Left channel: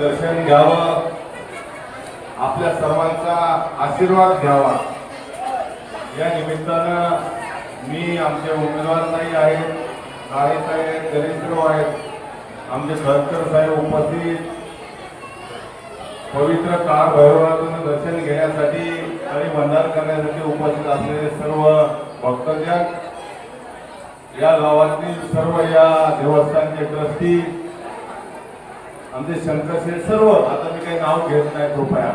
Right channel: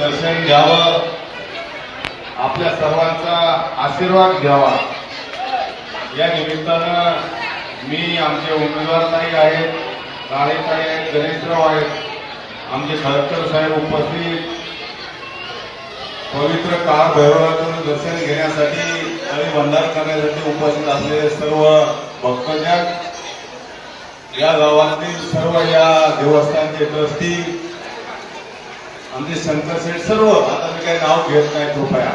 दर्शन घ्यावं. आपल्या सर्वांचा आशीर्वाद घ्यावा. या निमित्तानं मी आमचे उमेदवार ताई आहेत काळेताई आहेत गणेशराव आहेत आमचे खडकर साहेब उपस्थित. पवित्र काळ भैरवाचं दर्शन घेण्यासाठी आणि भंडार करण्यासाठी उपस्थित असलेले सर्व भक्तजन या गावातील सर्व या देवस्थानचे ट्रस्टी आमचे शंकर शेठ सर्व आता मी काही नाव घेत नाही कृपया.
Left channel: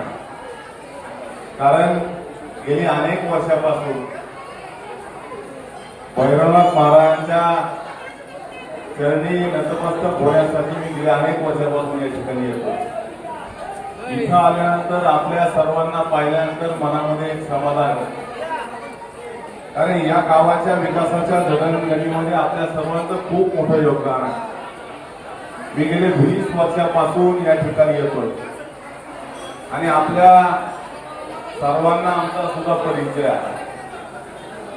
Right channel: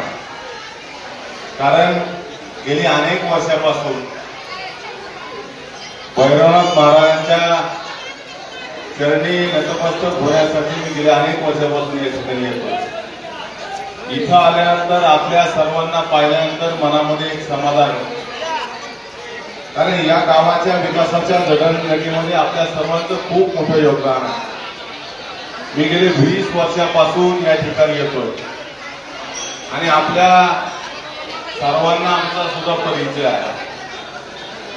कारण गेली अनेक वर्षापासून भैरवनाथ महाराजांच्या चरणी नतमस्तक होण्यासाठी मी गेल्या अनेक वर्षापासून या ठिकाणी येतो. इथं आल्यानंतर आपल्या सर्वांना पाहिल्यानंतर मनामध्ये एक समाधान आहे. कारण या गावाच्या विकासाच्या जडणघडणीमध्ये म्हणजे आपल्या सर्वांचं खूप मोठं योगदान आहे. मी गेले वीस वर्षापासून या ठिकाणी येतो आणि आपल्या सर्वांना आमचा सुद्धा परिचय आहे.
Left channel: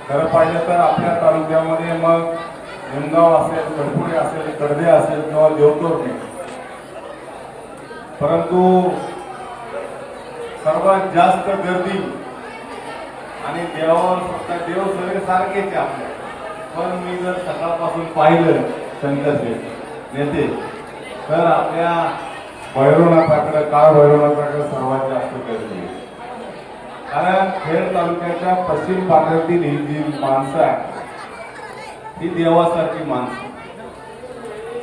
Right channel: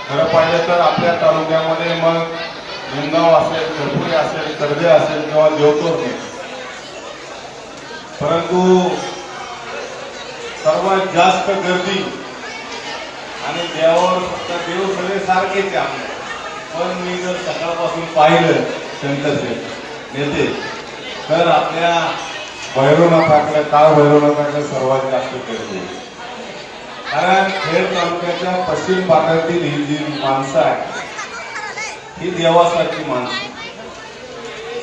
खरं पाहिलं तर आपल्या तालुक्यामध्ये मग निमगाव असेल करपुरी असेल कडदे असेल किंवा देवकोरणे परंतु सर्वात जास्त गर्दी आणि देवावर फक्त देव सगळे सारखेच आहे. पण मी जर सकाळपासून पाहिलं शंकर नेते तर आपल्या भैरवनाथाकडे का भैरवनाथाकडे सर्वात जास्त करते कारण खेड तालुक्याच्या पश्चिम भागातील ही जी माणसं आहे ही देवासारखी माणसं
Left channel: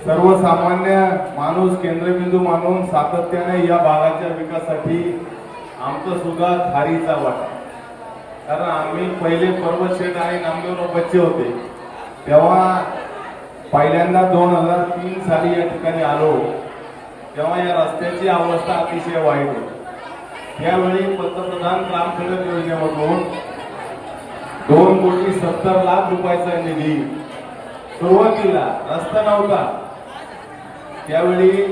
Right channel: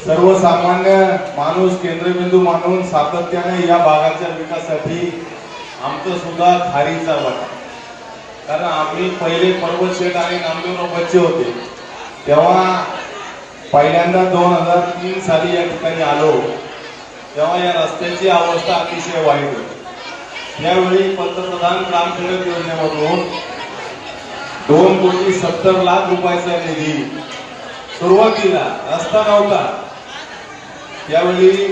सर्वसामान्य माणूस केंद्रबिंदू मानून सातत्याने या भागाच्या विकासासाठी आमचं सुद्धा खारीचा वाटा कारण आम्ही पहिले पर्वत शेठ आणि नामदेवराव बच्चे होते. तेव्हा पहिल्यांदा दोन हजार तीन साली या ठिकाणी आलो तेव्हा या रस्त्याची अवस्था अतिशय वाईट होती. त्यावेळी पंतप्रधान काम सडक योजनेमधून दोन कोटी सत्तर लाख रुपयाचा निधी सुरुवातीला रस्ता नव्हता. त्यावेळी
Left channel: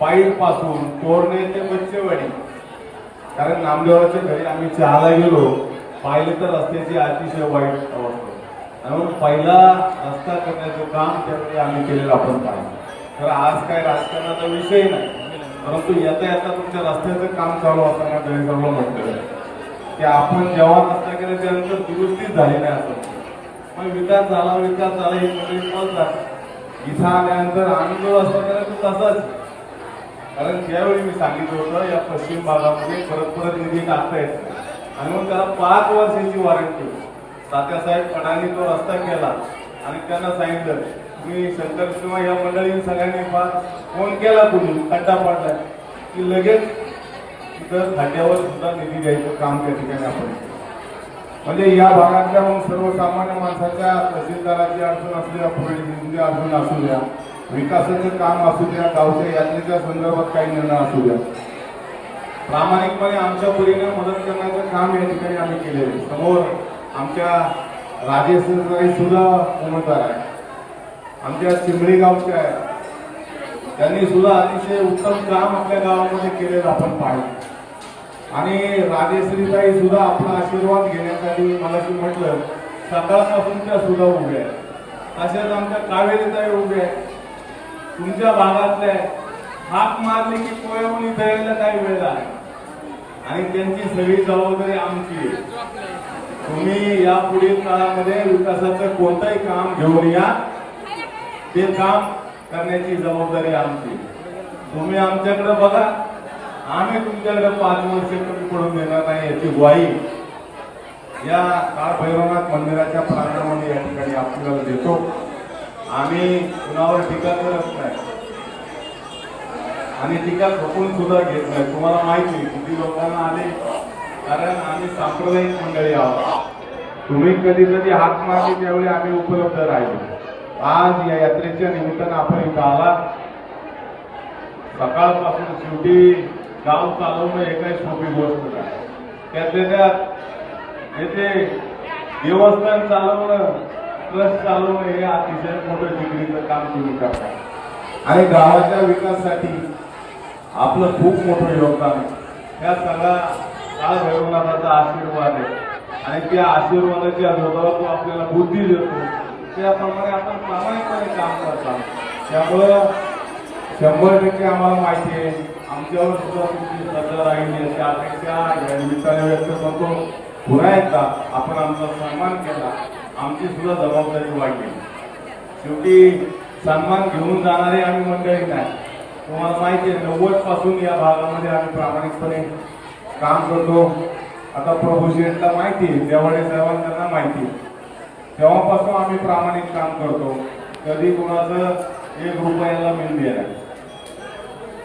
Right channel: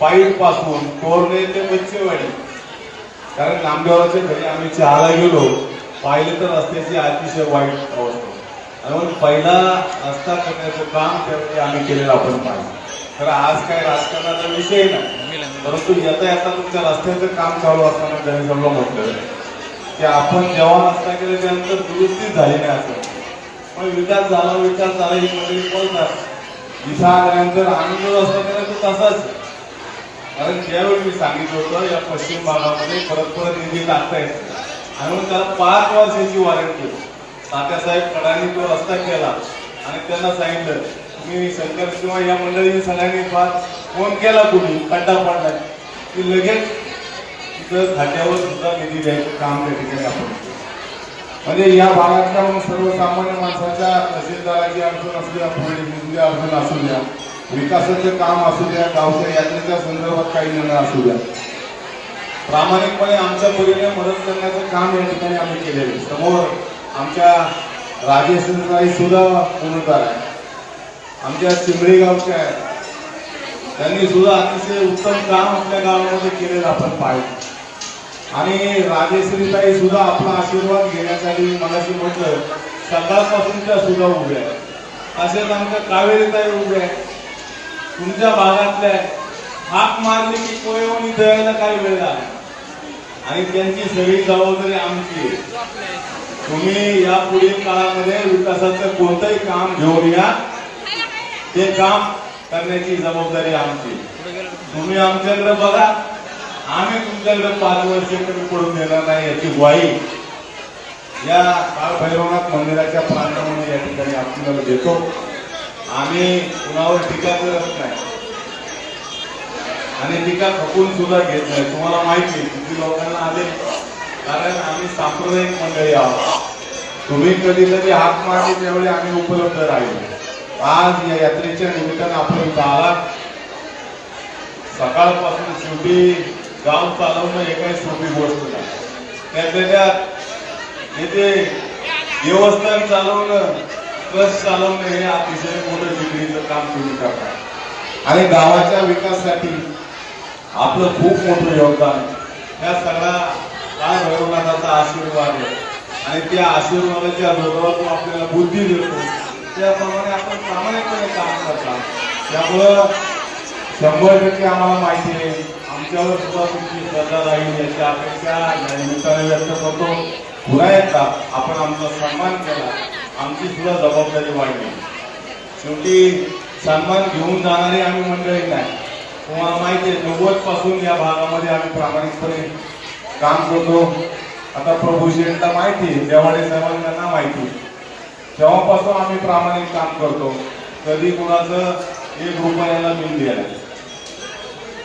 पाईपपासून कोरणे ते बच्चेवाडी कारण नामदेवाच्या घरी आम्ही चहाला गेलो पाहिलं तर रस्त्याची अतिशय वाईट अवस्था म्हणून पहिला रस्ता करण्याचं काम करते आम्ही केलेलं आपण काम. तर आज काय राजकारणाचा विषय नाही. परंतु येता येता तुमच्या रस्त्याचं काम चालू असताना त्यांनी म्हटलेलं की आपण जेव्हा रस्ता केला त्यानंतर दुरुस्तीच झाली नाही असं. पण विकास झाला विकास झाला ही मंडळी बोलतात इथं आल्यानंतर आनंद व्यवस्था करायचं तसाच. कारण त्यावेळी मी सांगितलं होतं या पश्चिम भागामध्ये परत परत निधी टाकतायत. म्हणून त्याला पाच वर्षाची वॉरंटी तात्यासाहेब कडांनी तो रस्ता केला आणि त्यांना सांगितलं मी शंकर किंवा या मंडळीने सगळ्यांनी फार फोन केला तुम्ही खड्डा पडलाय की लगेच तिथं खात्यावर सुद्धा निधी द्यायचं काम त्या ठिकाणी आपण म्हणजे या भागातल्या सर्वसामान्य माणसाच्या तहसीलदाराची अडचण असू द्या पुढे अडचण असू द्या विकासाचं काम असू द्या गावच्या यात्रेच्या संदर्भात काही निर्णय असू द्या. प्रामाणिकपणे आमच्या पुढीने मदत करण्याचं काम या ठिकाणी आम्ही केलेलं आहे. समोर आमच्या राजेश्वरताई सुद्धा उमेदवार आहे आमच्या चिंबरी गावच्या आहेत. त्यांनी सुद्धा अतिशय उत्तम काम आपल्या गावामध्ये केलेलं आपण पाहिजे आणि राजेश्रीताई सुद्धा आपला आशीर्वाद घेण्यासाठी मगाशी म्हटलं सकाळपासून त्या सुद्धा उभ्या आहेत. असेच आमच्या कावेरीताई उभ्या आहेत. तुमच्या भागातल्या हाक मारली की तो येऊन काही वेळ आहे आणि त्यांची सगळी जबाबदारी आमची आहे. तुम्ही या पुढील काळामध्ये विकासाचं कोणतंही काम घेऊन या. ते काम करण्याची जबाबदारी आमची. तुम्ही आमच्याकडे बघा. आम्ही तुमच्याकडे पाच वर्ष कमी पडून देणार नाही याची ग्वाही. या काळभैरवनाथ मंदिराच्या प्रांतामध्ये या ठिकाणी आपल्याला देतो. आम्ही कुणावर टीका करत नाही. आणि टीका खपून सुद्धा घेत नाही. तुम्हाला माहिती किती लोकांना आले. कारण आम्ही सांप्रदायिक मंडळी आहोत. तुम्ही कधीतरी हात मारली त्यावेळी आम्ही उपलब्ध राहिलो. आज या यात्रेच्या निमित्तानं आपण इथं आला सकाळपासून शेवटी गाव चालवणं हे काही सोपी गोष्ट नाही. त्यातल्या त्यात येथे देवस्थान चालवणं ट्रस्ट चालवणं हे अतिशय मोठं जिंदगीचं काम तुम्ही करता. आणि गावाच्या विकासासाठी आपलं खूप मोठं योगदान या सगळ्या काळ भैरवनाथाचा आशीर्वाद आहे. आणि त्या आशीर्वादाच्या जोरावर आपल्याला बुद्धी देतो. त्याप्रमाणे आपण प्रामाणिकपणे काम करता त्यामुळं शंभर टक्के आम्हाला माहिती आहे आमच्यावर सुद्धा तुमची श्रद्धा राहील याच्या अपेक्षा या निमित्ताने व्यक्त करतो. पुन्हा एकदा आपण आमचा सन्मान केला आमची सुद्धा जबाबदारी वाढली. शेवटी सन्मान घेऊन जाणारे आम्ही मंडळी नाही. तुम्हाला माहिती आहे नव्वदपासून या भागामध्ये आम्ही प्रामाणिकपणे काम करतो. आता प्रभू माहिती आहे सर्वांना माहिती तेव्हापासून आम्ही प्रामाणिक काम करतो कधी कुणाचं एक रुपयाला बिल दिलं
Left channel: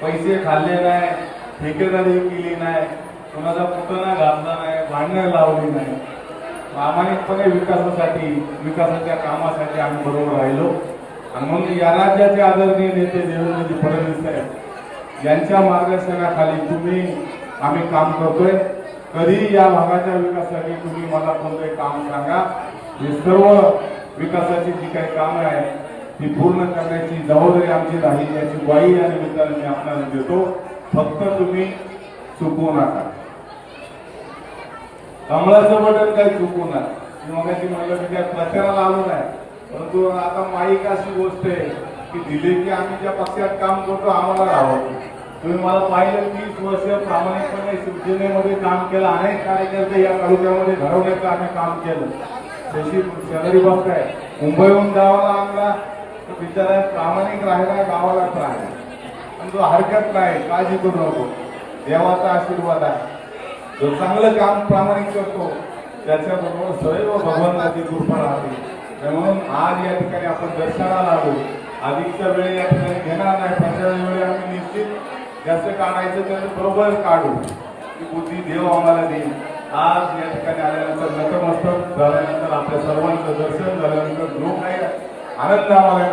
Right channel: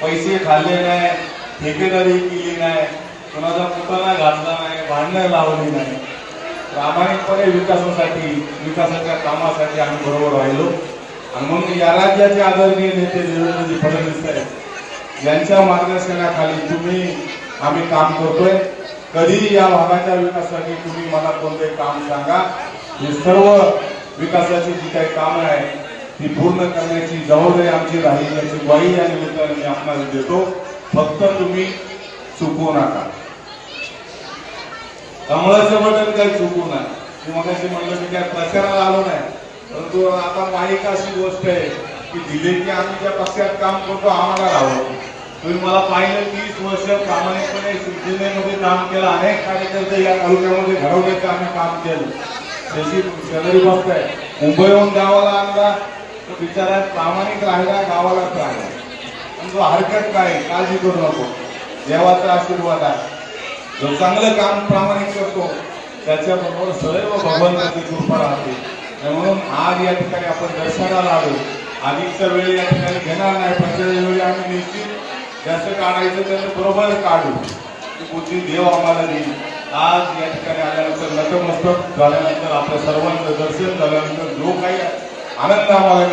पैसे खाल्ले नाही ठेकेदारी केली नाही कुणाचा पुतळा घातला नाही भांडणं लावली नाही. प्रामाणिकपणे विकासासाठी विकासाच्या कामासाठी आम्ही बरोबर राहिलो. आणि म्हणून या राज्याचे आदरणीय नेते देवेंद्रजी फडणवीस साहेब यांच्या मार्गदर्शनाखाली तुम्ही आम्ही काम करतोय. कधी या भागाच्या विकासासाठी तुम्ही मला कोणते काम सांगा. हे सर्व विकासाची जी काही कामं आहेत ती पूर्ण करण्याची जबाबदारी आमची राहील याची ग्वाही या निमित्ताने मी आपल्याला देतो. फक्त तुम्ही चुकवू नका. कमळाचं बटन काही चुकवू नका. मी मगाशी म्हणलं मी काय प्रचाराला आलो नाही. परंतु आता माहीत अशी गोष्ट आहे की दिले की आम्ही ज्या पक्षात काम करतो आम्हाला आवडतो तुम्ही मला पाहिलं तीस वर्ष प्रामाणिकपणे शिवसेनेमध्ये काम केलं अनेक कार्यकर्ते या तालुक्यामध्ये घडवण्याचं आम्ही काम केलं. जशी शेजारी गोष्ट आहे मुंबईहून गावाला आणला तो बिचारा प्रामाणिक राहिला गावालाच राहिला पण तो हरकत नाही काळजी करू नको. देवाचा आशीर्वाद आहे. जो चांगलं काम प्रामाणिक करतो त्याच्याबरोबर सर्व भगवंताची कृपा राहते. म्हणून आज या ठिकाणी आपण दर्शनाला आलो. अधिकचा वेळ या ठिकाणी घेणार नाही ज्याचं काढायचं त्याचं बरोबर काढू. ती बुद्धी देव आम्हाला देईल. आज या ठिकाणी आल्यानंतर नतमस्तक झाल्यानंतर आपल्या सर्वांचं दर्शन झाल्यानंतर जो काही आनंद आम्हाला